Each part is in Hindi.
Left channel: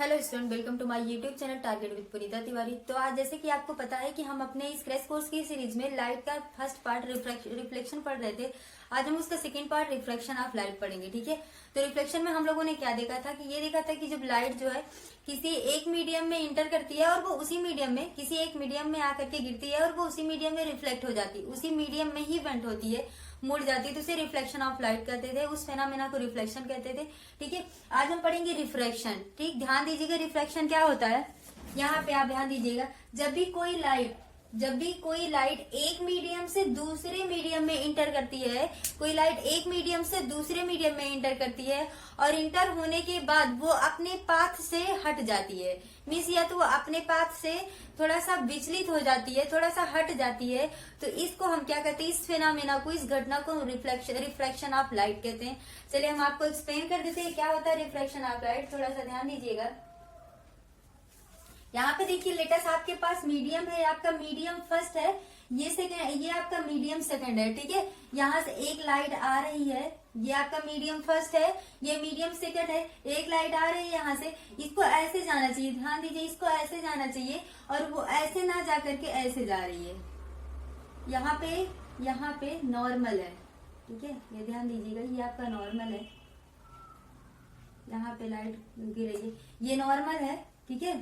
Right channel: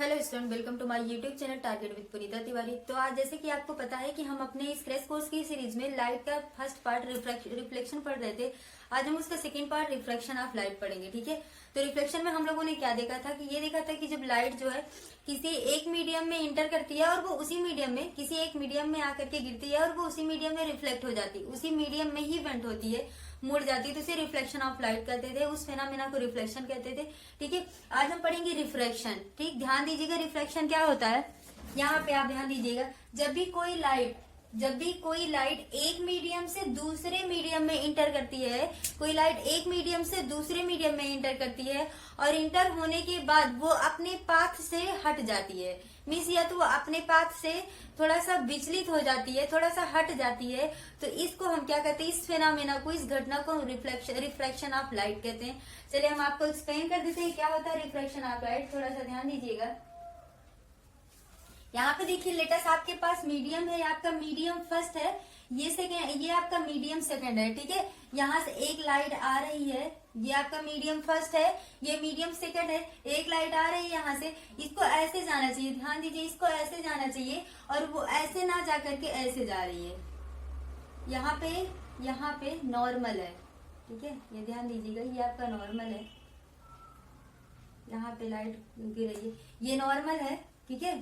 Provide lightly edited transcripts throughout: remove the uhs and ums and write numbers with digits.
Hello student, welcome to my YouTube channel target with Punita Tiwari. तो आज जैसे कि आपको पता है कि हम अपने इस क्रैश कोर्स की सीरीज में लाइट का फर्स्ट पार्ट रिफ्लेक्शन पढ़ रहे थे। आज हम उसका second part reflection of light पढ़ेंगे। ठीक है, तो रिफ्लेक्शन में हम लोगों ने क्या देखा था कि ये देखा था कि जब लाइट जो है किसी एक मीडियम में इंटर करती है और वो उसी मीडियम में किसी एक मीडियम में आकर के गिरती है और वो उसी मीडियम में रिफ्लेक्ट हो जाती है, उसी मीडियम में ही बेंट होती है, मुड़ जाती है, तो उसे रिफ्लेक्शन ऑफ लाइट कहते थे। उस फेनामेना को रिफ्लेक्शन कहते थे। ठीक है, आज हम पढ़ेंगे रिफ्रैक्शन। ठीक, ध्यान दीजिएगा रिफ्रैक्शन क्या होता है। यहाँ पे आप ध्यान दीजिएगा, जब भी कोई लाइट एक मीडियम से दूसरे मीडियम में इंटर करती है, कोई लाइट एक मीडियम से दूसरे मीडियम में इंटर करती है और इंटर होने के बाद वो अपने पाथ से हट जाती है, मीन्स या तो वो अपने पाथ से थोड़ा सा विचलित हो जाती है, थोड़ा सा हट जाती है, तो इसको हम क्या कहते हैं, इस फेनामेना को, इस घटना को रिफ्रैक्शन ऑफ लाइट कहते हैं। चलिए हम आपको एक्सप्लेन कर देते हैं क्या होता है रिफ्रैक्शन ऑफ लाइट। थोड़ा सा ध्यान दीजिएगा। यहाँ पे देखिए लेटेस्ट आपके पास मीडियम है, आपका मीडियम फर्स्ट है, ये सेकंड, ये आपका मीडियम सेकंड है। ठीक है, यहाँ से एक लाइट आ रही है, ये आपका मीडियम फर्स्ट है, ये मीडियम सेकंड है, एक लाइट आ रही है यहाँ से, इसको ऐसे जाना चाहिए, ध्यान दीजिए, इसको ऐसे जाना चाहिए और वो ऐसे ना जा करके ऐसे जा रही है। यहाँ पे नॉर्मल है। ठीक है, ये ध्यान दीजिएगा, ये आपका नॉर्मल है, यहाँ पे लाइट गिर रही है, ये नॉर्मल है। ठीक है,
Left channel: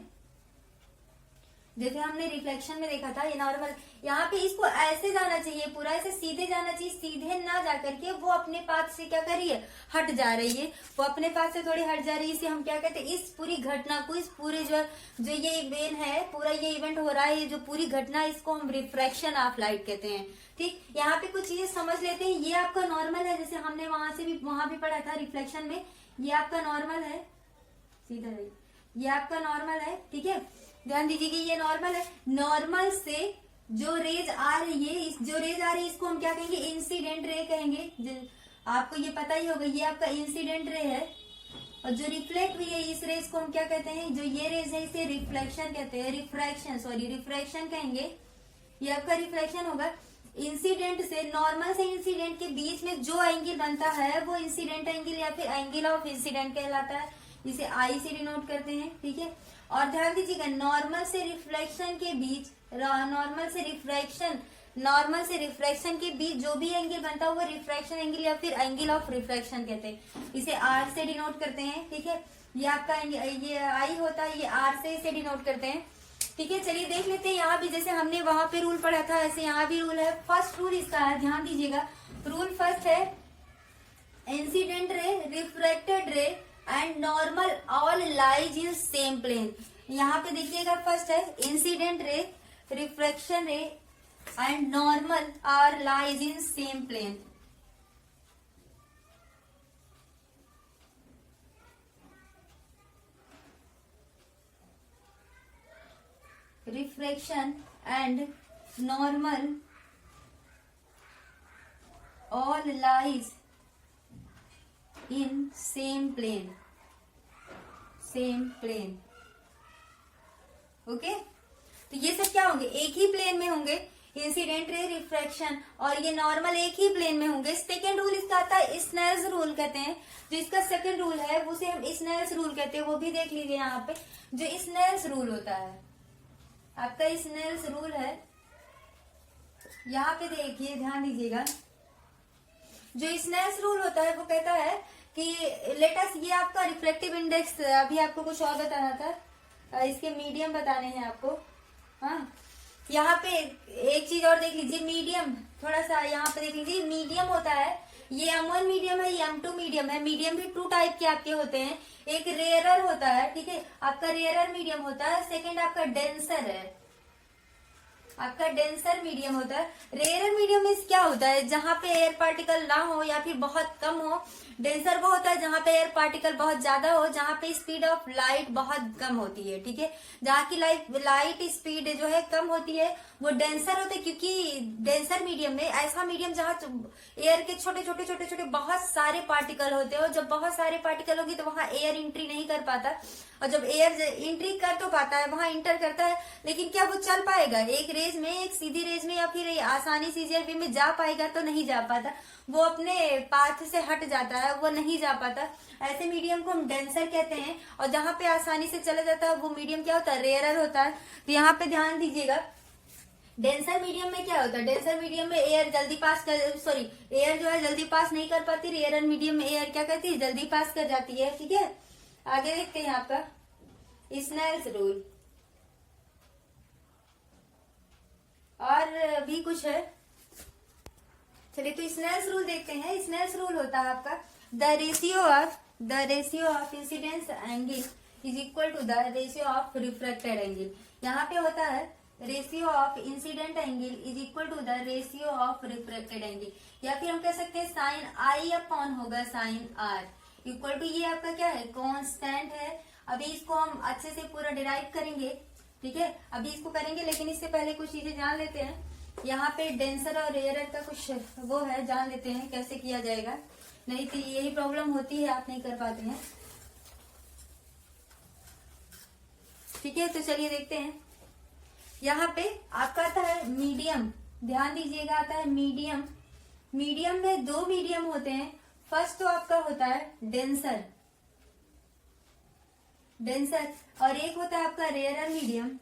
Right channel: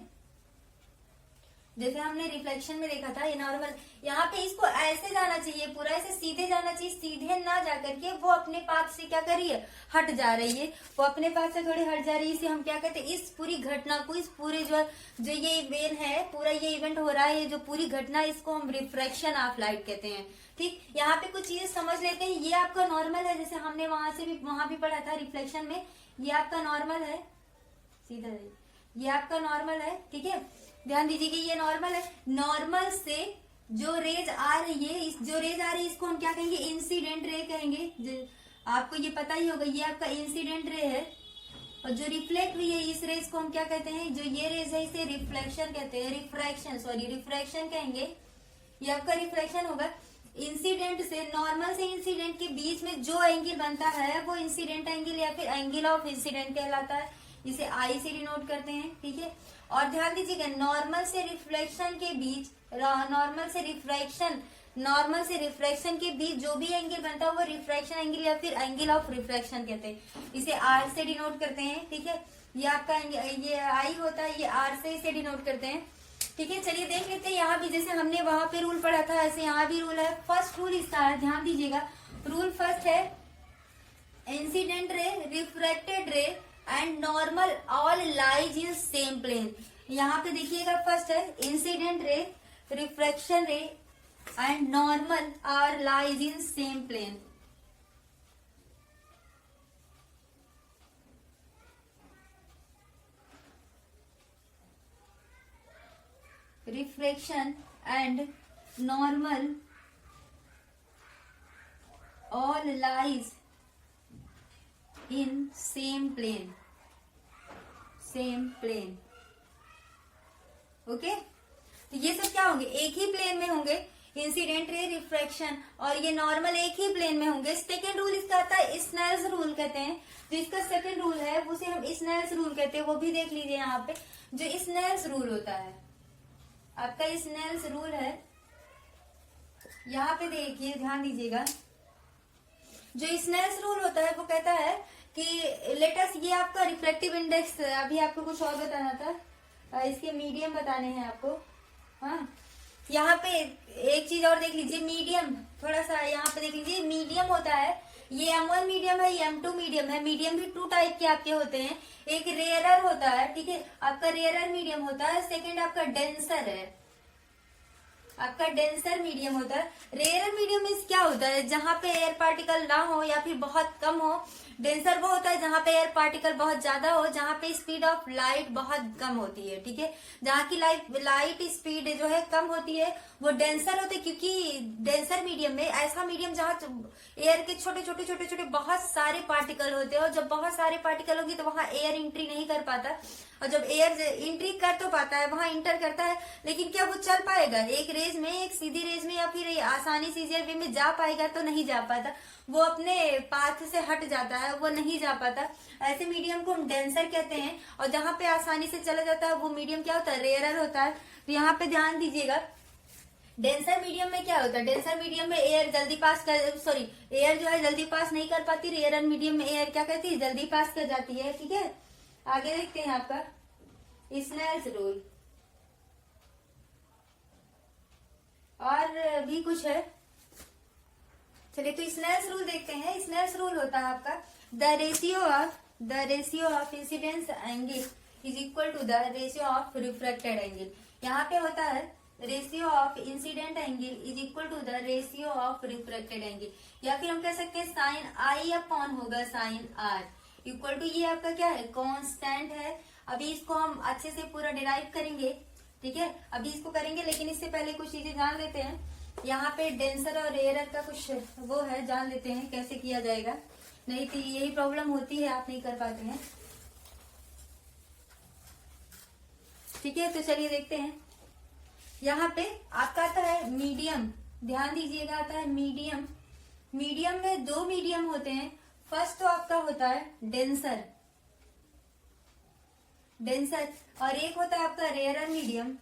जैसे हमने रिफ्लेक्शन में देखा था, ये नॉर्मल, यहाँ पे इसको ऐसे जाना चाहिए, पूरा ऐसे सीधे जाना चाहिए, सीधे ना जाकर के वो अपने पाथ से क्या कर रही है, हट जा रही है, वो अपने पाथ से थोड़ी हट जा रही है। इसे हम क्या कहते हैं, इस पूरी घटना को, इस पूरे जो ये इवेंट है, पूरा ये इवेंट हो रहा है, जो पूरी घटना, इसको हम रिफ्रैक्शन ऑफ लाइट कहते हैं। ठीक, यहाँ पे कुछ चीजें समझ लेते हैं। ये आपका नॉर्मल है, जैसे हमने वहां भी पढ़ा था रिफ्लेक्शन में, ये आपका नॉर्मल है, सीधा रही, ये आपका नॉर्मल है। ठीक है, ध्यान दीजिए कि ये नॉर्मल है, नॉर्मल से जो रेज आ रही है, जो रेज आ रही है इसको हम क्या कहेंगे, इंसिडेंट रे कहेंगे। आपको ये पता ही होगा, ये आपका इंसिडेंट रे है और जो रिफ्लेक्ट हुई है इस रेज को हम क्या कहते हैं, जो ये रेज है इसे रिफ्लेक्शन कहते हैं, रिफ्रैक्शन कहेंगे। ये आपका रिफ्लेक्शन होगा। इंसिडेंट से, नॉर्मल से इंसिडेंट के बीच में जो एंगल बनता है वो इंसिडेंट एंगल या फिर एंगल ऑफ इंसिडेंट कहलाता है, इसे आई से डिनोट करते हैं। ठीक है, और ध्यान दीजिएगा, नॉर्मल से रिफ्लेक्शन के बीच, नॉर्मल से रिफ्रैक्शन के बीच जो भी एंगल बनता है वो रिफ्रैक्शन एंगल या फिर एंगल ऑफ रिफ्रैक्शन कहते हैं, इसे आर से डिनोट करते हैं। ठीक है, ये आपका ये आई होता है, ये आर से इसे डिनोट करते हैं। ठीक है, चलिए देख लेते हैं। यहाँ भी जैसे हमने वहां पे रूल पढ़ा था, ऐसे यहाँ भी रूल है। फर्स्ट रूल इसका है, ध्यान दीजिएगा, रूल फर्स्ट है, incident ray, refracted ray and normal all lies in same plane. यहाँ पे देखिएगा, फर्स्ट है incident ray, refraction ray and normal are lies in same plane. Refraction and normal all lies in same plane, okay. तो ये सब क्या होंगे, एक ही प्लेन में होंगे, इंसिडेंट रे, रिफ्रैक्शन और ये नॉर्मल एक ही प्लेन में होंगे। सेकेंड रूल इसका आता है स्नेल्स रूल कहते हैं। जो इसका सेकेंड रूल है उसे हम स्नेल्स रूल कहते हैं, वो भी देख लीजिए। यहाँ पे जो स्नेल्स रूल होता है, आपका स्नेल्स रूल है, यहाँ पे देखिए, ध्यान दीजिएगा, जो स्नेल्स रूल होता है वो कहता है कि लेटस, ये आपका रिफ्लेक्टिव इंडेक्स, अभी आपको कुछ और बताना था, इसके मीडियम बताने हैं आपको। हाँ, यहाँ पे एक चीज और देख लीजिए, मीडियम, थोड़ा सा यहाँ पे देख लीजिए, मीडियम होता है, ये M1 मीडियम है, ये M2 मीडियम है। मीडियम भी टू टाइप के आपके होते हैं, एक रेयरर होता है, ठीक है, आपका रेयरर मीडियम होता है, सेकेंड आपका डेंसर है, आपका डेंसर मीडियम होता है। रेयर मीडियम में क्या होता है, जहां पे एयर पार्टिकल ना हो या फिर बहुत कम हो। डेंसर वो होता है जहां पे एयर पार्टिकल बहुत ज्यादा हो, जहां पे स्पीड ऑफ लाइट बहुत कम होती है। ठीक है, जहां की लाइट स्पीड जो है कम होती है वो डेंसर होते हैं, क्योंकि डेंसर मीडियम में, ऐसा मीडियम जहां एयर के छोटे छोटे बहुत सारे पार्टिकल होते हैं, और जब बहुत सारे पार्टिकल होगी तो वहां एयर एंट्री नहीं कर पाता, और जब एयर एंट्री कर तो पाता है, वहां इंटर करता है, लेकिन क्या वो चल पाएगा एक रेज में, एक सीधी रेज में, या फिर आसानी से इजियर वे में जा पाएगा? तो नहीं जा पाता, वो अपने पाथ से हट जाता है, वो नहीं जा पाता। ऐसे मीडियम को हम डेंसर कहते हैं। और जहां पे आसानी से चला जाता है वो मीडियम क्या होता है? रेयरर होता है। तो यहाँ पे ध्यान दीजिएगा, डेंसर मीडियम में क्या होता है? डेंसर मीडियम में एयर जल्दी पास कर, सॉरी, एयर जो है जल्दी पास नहीं कर पाती, रेयरर मीडियम में एयर क्या करती है? जल्दी पास कर जाती है। ठीक है, आगे देखते हैं आपका स्नेल्स रूल, और भी कुछ है। चलिए तो स्नेल्स रूल देखते हैं। स्नेल्स रूल होता है आपका the ratio of incidence angle is equal to the ratio of refracted angle. यहाँ पे होता है ratio of incident angle is equal to the ratio of refracted angle, या फिर हम कह सकते हैं साइन आई अपॉन होगा साइन आर इक्वल टू, ये आपका क्या है? कांस्टेंट है। अभी इसको हम अच्छे से पूरा डिराइव करेंगे। ठीक है, अभी इसको करेंगे, लेकिन इससे पहले कुछ चीजें जान लेते हैं। यहाँ पे डेंसर और रेयरर का कुछ वो है, जान लेते हैं कैसे किया जाएगा, नहीं तो यही प्रॉब्लम होती है, आप नहीं कर पाते हैं। ठीक है, तो चलिए देखते हैं। यहाँ पे आपका आता है मीडियम, ध्यान दीजिएगा, आता है मीडियम। मीडियम में दो मीडियम होते हैं। फर्स्ट तो आपका होता है डेंसर, और एक होता है आपका रेयरर मीडियम।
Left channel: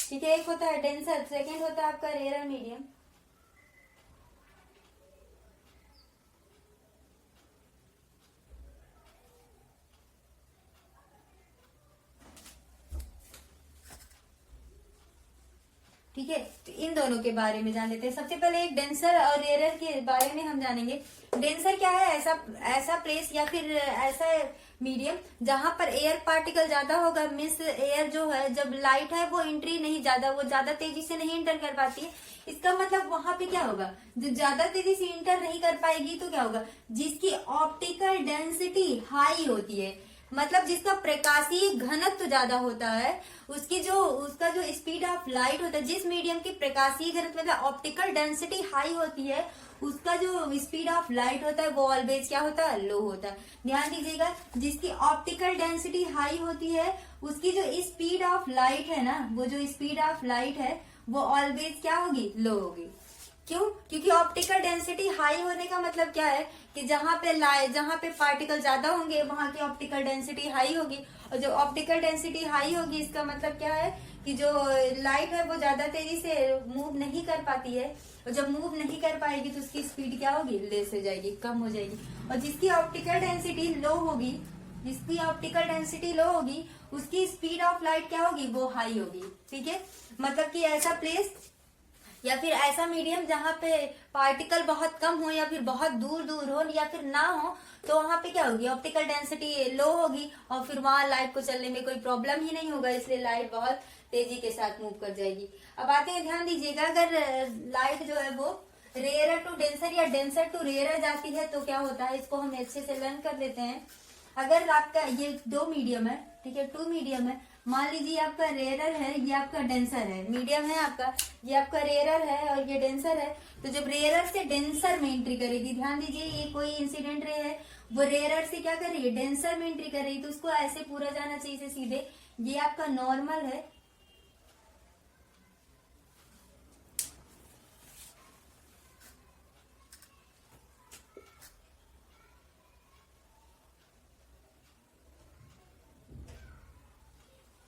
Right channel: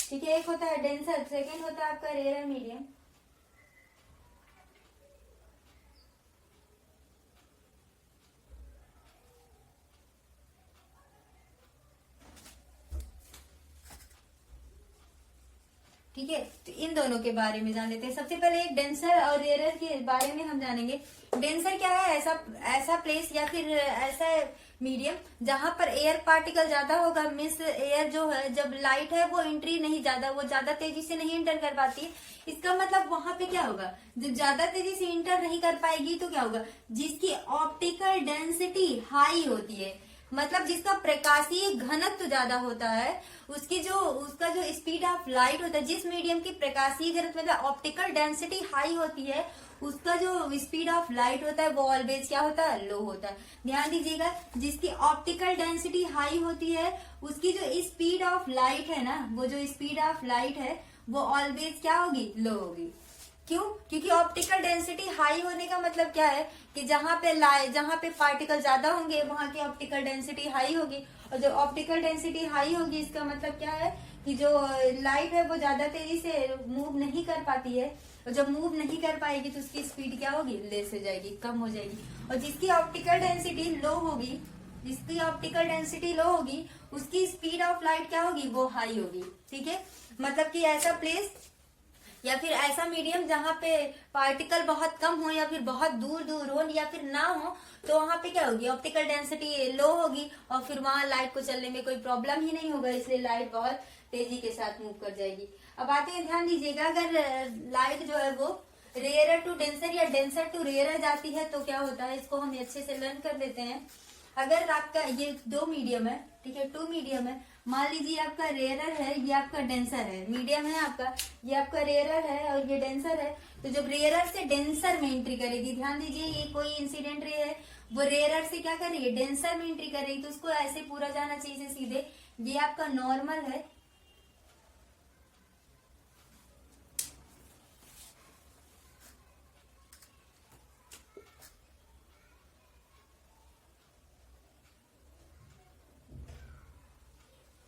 ठीक है, एक होता है डेंसर, सेकेंड होता है आपका रेयरर मीडियम। ठीक है, तो इन दोनों के बारे में जान लेते हैं। सबसे पहले एक डेंसर और रेयरर के बारे में हम जानेंगे। डेंसर क्या है? ऐसा प्लेस या फिर ऐसा मीडियम जहां पर एयर पार्टिकल ज्यादा होगा, मीन्स एयर जो है जब लाइट है वो एंट्री नहीं वो ज्यादा तेजी से नहीं इंटर कर पाती। इसका मतलब वहां पे क्या होगा? जो ज्यादा तेजी से इंटर नहीं कर पाएगी तो क्या होगा? जिसकी ऑप्टिकल डेंसिटी हाई होती है, मतलब जिसका प्रकाशीय घनत्व ज्यादा होता है, उसका जो स्पीड ऑफ लाइट होता है, जिस मीडियम की प्रकाशीय घनत्व मतलब ऑप्टिकल डेंसिटी हाई होती है, उसका जो स्पीड ऑफ लाइट होता है वो ऑलवेज क्या होता है? लो होता है। ध्यान दीजिएगा, जिसकी ऑप्टिकल डेंसिटी हाई होती है उसकी जो स्पीड ऑफ लाइट है ना, वो जो स्पीड ऑफ लाइट है वो ऑलवेज क्या होगी? लो होगी। क्यों? क्योंकि ऑप्टिकल डेंसिटी हाई होने का मतलब क्या है कि जहां पे पार्टिकल ज्यादा होंगे वहां की ऑप्टिकल डेंसिटी हाई होगी, और जो ऑप्टिकल डेंसिटी हाई होगी इसका मतलब क्या है कि जो लाइट है वो ज्यादा तेजी से मूव नहीं कर पाती है, और जब मूव नहीं कर पाएगी तो उसकी स्पीड क्या होगी? लेस हो जाएगी, कम हो जाएगी। और जिसकी ऑप्टिकल डेंसिटी लो होगी, उसकी स्पीड ऑफ लाइट क्या होगी? वो हाई होगी। ठीक है, मतलब कि ऐसा प्लेस या फिर ऐसा मीडियम जहां पे पार्टिकल बहुत कम हो, या फिर बहुत दूर दूर हो, या फिर ना हो, तो वहां पे क्या होगी? ऑप्टिकल डेंसिटी लो होगी, और फिर वहां लाइट को चलने में कोई प्रॉब्लम ही नहीं होगा, इसलिए लाइट बहुत तेजी के साथ मूव कर जाएगी। अब आते हैं, ध्यान दीजिएगा, अगर लाइट जो है वो रेयरर टू डेंसर या डेंसर टू रेयरर जाती है तो क्या होता है, इसको हम अच्छे से लर्न कर लेते हैं। अगर आपका ये दो मीडियम है, ठीक है, टू मीडियम है, मान लीजिए आपका रेयरर है, ये आपका डेंसर है, मीडियम है आपका, ये आपका रेयरर है और ये डेंसर है। तो जब रेयरर से डेंसर में एंट्री करेगी, ध्यान दीजिए ये कोई इंसिडेंट रे है, वो रेयरर से क्या कर रही है? डेंसर में एंट्री कर रही है, तो उसको ऐसे पूरा जाना चाहिए सीधे। ये आपका नॉर्मल है,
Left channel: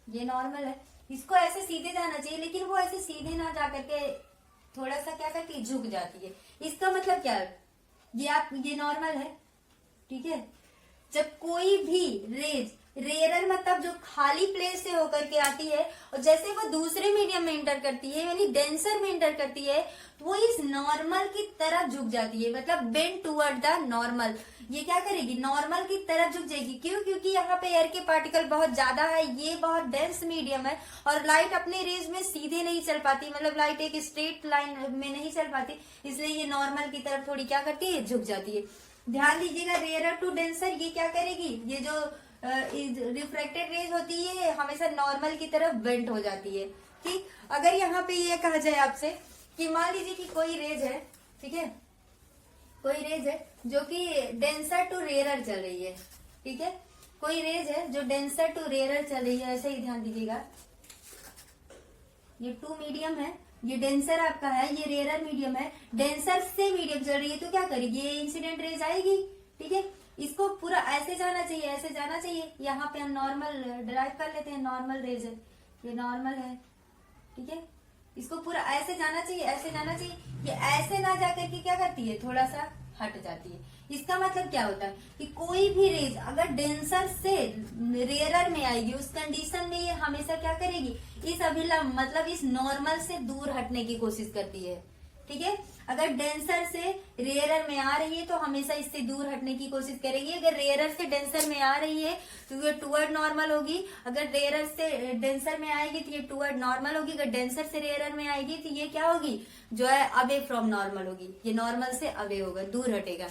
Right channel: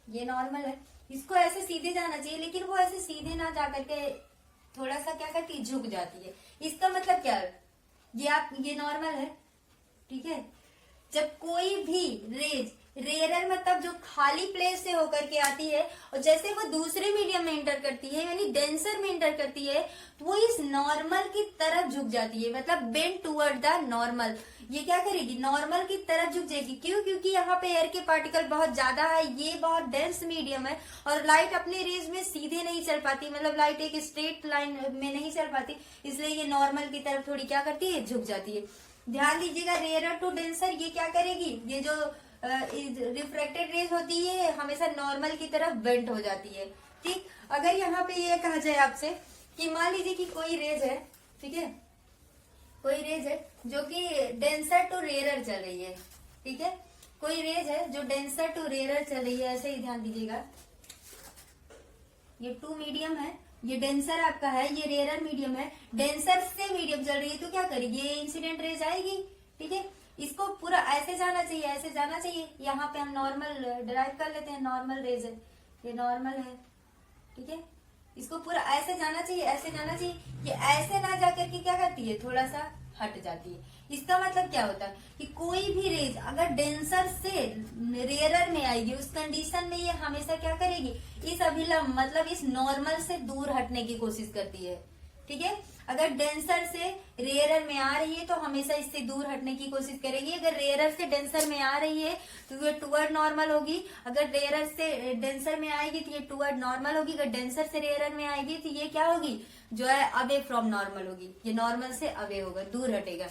ये नॉर्मल है, इसको ऐसे सीधे जाना चाहिए, लेकिन वो ऐसे सीधे ना जा करके थोड़ा सा क्या करती है? झुक जाती है। इसका मतलब क्या है? ये नॉर्मल है, ठीक है। जब कोई भी रेज रेयरर मतलब जो खाली प्लेस से होकर के आती है, और जैसे वो दूसरे मीडियम में इंटर करती है, यानी डेंसर में इंटर करती है, तो वो इस नॉर्मल की तरफ झुक जाती है, मतलब बेंड टुवर्ड द नॉर्मल। ये क्या करेगी? नॉर्मल की तरफ झुक जाएगी। क्यों? क्योंकि यहाँ पे एयर के पार्टिकल बहुत ज्यादा है, ये बहुत डेंस मीडियम है, और लाइट अपने रेज में सीधे नहीं चल पाती, मतलब लाइट एक स्ट्रेट लाइन में नहीं चल पाती, इसलिए ये नॉर्मल की तरफ थोड़ी क्या करती है? झुक जाती है। ध्यान दीजिएगा, रेयरर टू डेंसर ये क्या करेगी? ये जो रिफ्रैक्टेड रेज होती है हमेशा नॉर्मल की तरफ बेंट हो जाती है। ठीक, अगर यहाँ पे ये कहा जाए आपसे कि मान लीजिए कि कोई रेज है, ठीक है, कोई रेज है जो कि डेंसर टू रेयरर चल रही है, ठीक है, कोई रेज है जो डेंसर टू रेयरर चल रही है, ऐसे ही ध्यान दीजिएगा। ये टू मीडियम है, ये डेंसर आपका है, ये रेयरर मीडियम है, डेंसर से मीडियम चल रही है, तो क्या करेगी, ये इंसिडेंट रेज आएगी। ठीक है, इसको पूरा ऐसे जाना चाहिए, ऐसे जाना चाहिए। यहाँ पे हम नॉर्मल डिराइव कर लेते हैं, नॉर्मल रेज है, ये नॉर्मल है। ठीक है, इसको पूरा ऐसे जाना चाहिए, ऐसे जाना चाहिए। ये ऐसे ना जाकर के क्या करती है, थोड़ा सा हट जाती है। इसका मतलब क्या होता है कि कोई भी रेज अगर डेंसर से रेयरर में आएगी, उस कंडीशन में ये हमेशा क्या करेगी, इस अभिलंब मतलब इस नॉर्मल से दूर हटने की कोशिश करती है। ठीक है, अगर डेंसर से रेयरर में आ रही है तो हमेशा इससे दूर हटने की कोशिश करेगी। अगर रेयरर से डेंसर में आ रही है तो ये टूवर्ड नॉर्मल होगी, अगर रेयरर से डेंसर में आएगी तो ये टूवर्ड नॉर्मल होगी, अगर डेंसर से रेयरर में आएगी तो ये क्या होगी, जो है अवे फ्रॉम नॉर्मल होगी, ये नॉर्मल से अवे होगा, दूर हटेगा।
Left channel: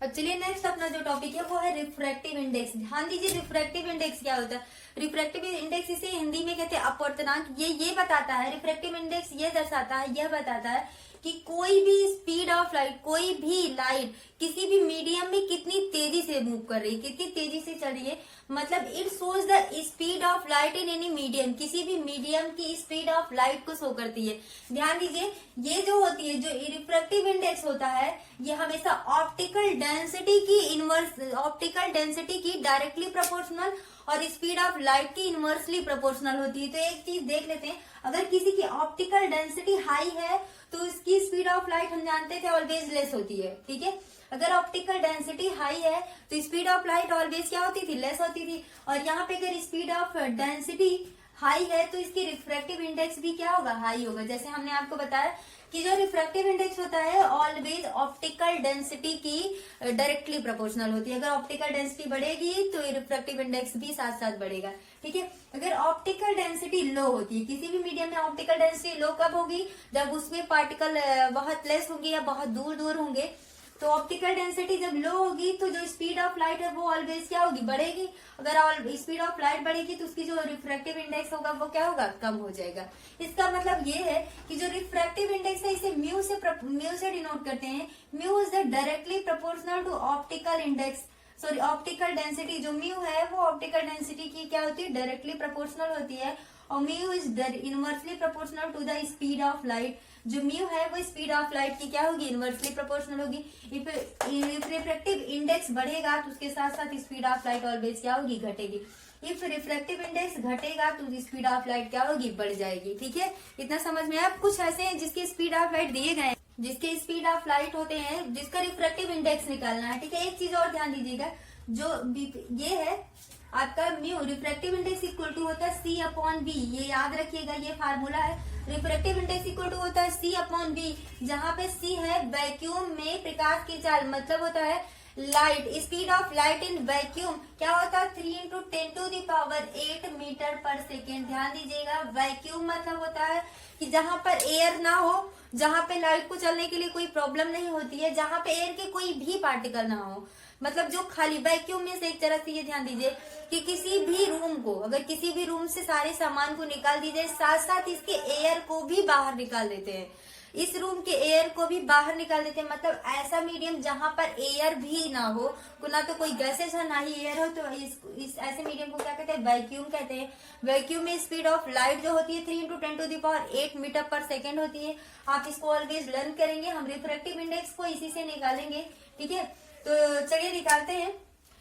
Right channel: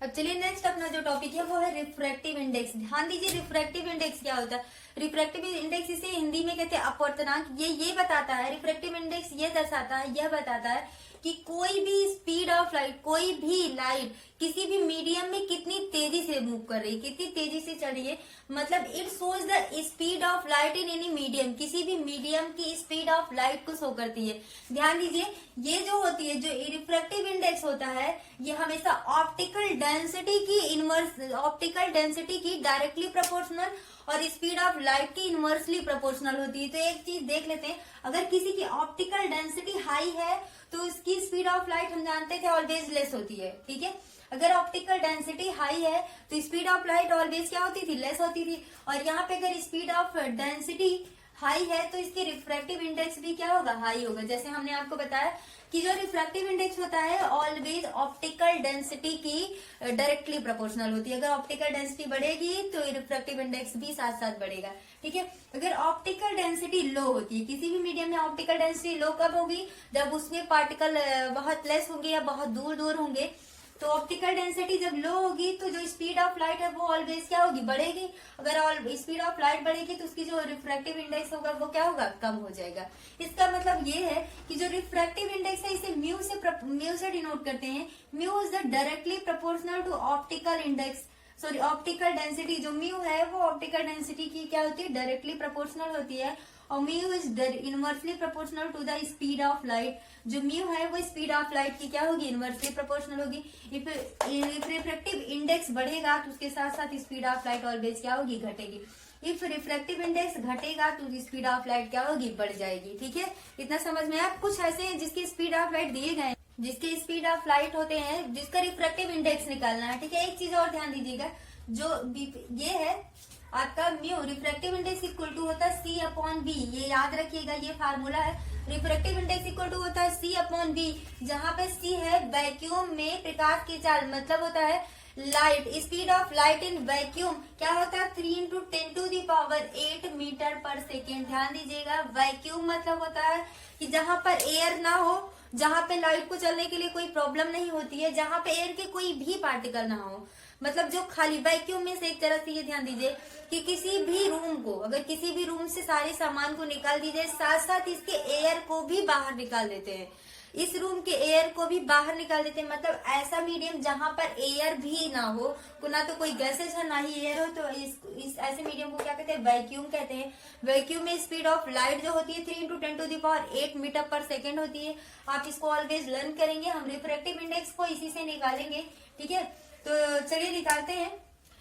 अब चलिए नेक्स्ट अपना जो टॉपिक है वो है रिफ्रैक्टिव इंडेक्स। ध्यान दीजिए रिफ्रैक्टिव इंडेक्स क्या होता है। रिफ्रैक्टिव इंडेक्स इसे हिंदी में कहते हैं अपवर्तनांक। ये बताता है, रिफ्रैक्टिव इंडेक्स ये दर्शाता है, यह बताता है कि कोई भी स्पीड ऑफ लाइट, कोई भी लाइट किसी भी मीडियम में कितनी तेजी से मूव कर रही है, कितनी तेजी से चल रही है। मतलब it shows the speed of light in any medium, किसी भी मीडियम की स्पीड ऑफ लाइट को शो करती है। ध्यान दीजिए, ये जो होती है, जो रिफ्रैक्टिव इंडेक्स होता है, ये हमेशा ऑप्टिकल डेंसिटी की इनवर्स, ऑप्टिकल डेंसिटी की डायरेक्टली प्रोपोर्शनल और स्पीड ऑफ लाइट की इनवर्सली प्रोपोर्शनल होती है। तो एक चीज देख लेते हैं, अगर किसी की ऑप्टिकल डेंसिटी हाई है तो उसकी स्पीड ऑफ लाइट हम जानते थे ऑलवेज लेस होती है। ठीक है, अगर ऑप्टिकल डेंसिटी हाई है तो स्पीड ऑफ लाइट ऑलवेज क्या होती थी, लेस होती थी। और यहाँ पे अगर स्पीड ऑफ डेंसिटी हाई है तो इसकी रिफ्रैक्टिव इंडेक्स भी क्या होगा, हाई होगा। जैसे हमने आपको बताया कि जो रिफ्रैक्टिव इंडेक्स होता है ऑलवेज ऑप्टिकल डेंसिटी की डायरेक्टली प्रोपोर्शनल होती है। अगर ऑप्टिकल डेंसिटी बढ़ेगी तो रिफ्रैक्टिव इंडेक्स भी साथ साथ बढ़ेगा। ठीक है, अगर ऑप्टिकल डेंसिटी लो होती है, किसी भी मीडियम में ऑप्टिकल डेंसिटी लो कब होगी, जब उसमें पार्टिकल बहुत लेस होंगे या बहुत दूर दूर होंगे। तो ऑप्टिकल डेंसिटी जब लो होगी तो जो स्पीड ऑफ लाइट है वो ऑलवेज क्या होगी, बढ़ेगी। अगर स्पीड ऑफ लाइट बढ़ेगी तो उसकी जो रिफ्रैक्टिव इंडेक्स होगा वो क्या होगा, कम हो जाएगा। इसका मतलब ये है कि जो रिफ्रैक्टिव इंडेक्स है इसे म्यू से डिनोट करते हैं। Mu is the directly proportional to optical index, sorry optical density. जो म्यू है वो ऑप्टिकल डेंसिटी की क्या होती है, डायरेक्टली प्रोपोर्शनल होती है। और mu is inversely proportional to the speed of light. जो म्यू है वो स्पीड ऑफ लाइट की क्या होगी, इनवर्सली प्रोपोर्शनल होगी। इफ रिफ्रैक्टिव इंडेक्स बढ़ेगा तो उसके साथ साथ स्पीड ऑफ लाइट ऑलवेज क्या होगी, घटेगी। इफ रिफ्रैक्टिव इंडेक्स घटेगा तो स्पीड ऑफ लाइट क्या होगी, बढ़ जाएगी। ठीक है, इतना समझ में। आप कुछ ऐसे हैं जिसकी स्पीड ऑफ लाइट दिए गए, जिसके स्पीड ऑफ लाइट होते हैं, जिसका रिफ्रैक्टिव इंडेक्स निकालना है। ठीक है, एक चीज और ध्यान दीजिएगा, जो ये है आपका mu, refractive index equal to होता है C अपॉन बी। ये याद रखिएगा, ये फार्मूला है। रिफ्रैक्टिव इंडेक्स इक्वल टू होता है C अपॉन बी, जहाँ पे C है वैक्यूम में प्रकाश की चाल, मतलब होता है light, speed of light in vacuum क्या होता है, 3 × 10⁸ मीटर पर सेकेंड। ध्यान दीजिएगा, वैक्यूम मतलब होता है कि जहाँ पर एयर ना हो, जहाँ पे लाइट को चलने के लिए कोई प्रॉब्लम नहीं होती है, जहाँ पे एयर के कोई भी पार्टिकल ना हो, मतलब जो खाली वैक्यूम में से एक तरह से ये ध्यान दीजिए कि किसी भी रूम को, अगर किसी भी रूम से सारे सामान को निकाल दीजिए, साथ साथ इसके एयर को भी बाहर निकाल देते हैं, इस रूम के एयर को भी बाहर निकाल देते हैं। मतलब ऐसा मीडियम जहां पर एयर भी ना हो, ना तो कोई गैसेज है ना ही एयर हो, तो इस ऐसे मीडियम को क्या कहते हैं, वैक्यूम कहते हैं। वैक्यूम में स्पीड ऑफ लाइट जो होती है 3 × 10⁸ मीटर पर सेकेंड होती है। आप इसको ऑलवेज लर्न करेंगे, हम रिफ्रैक्टिव इंडेक्स को इसी से निकालेंगे। ठीक है, तो चलिए निकालते हैं।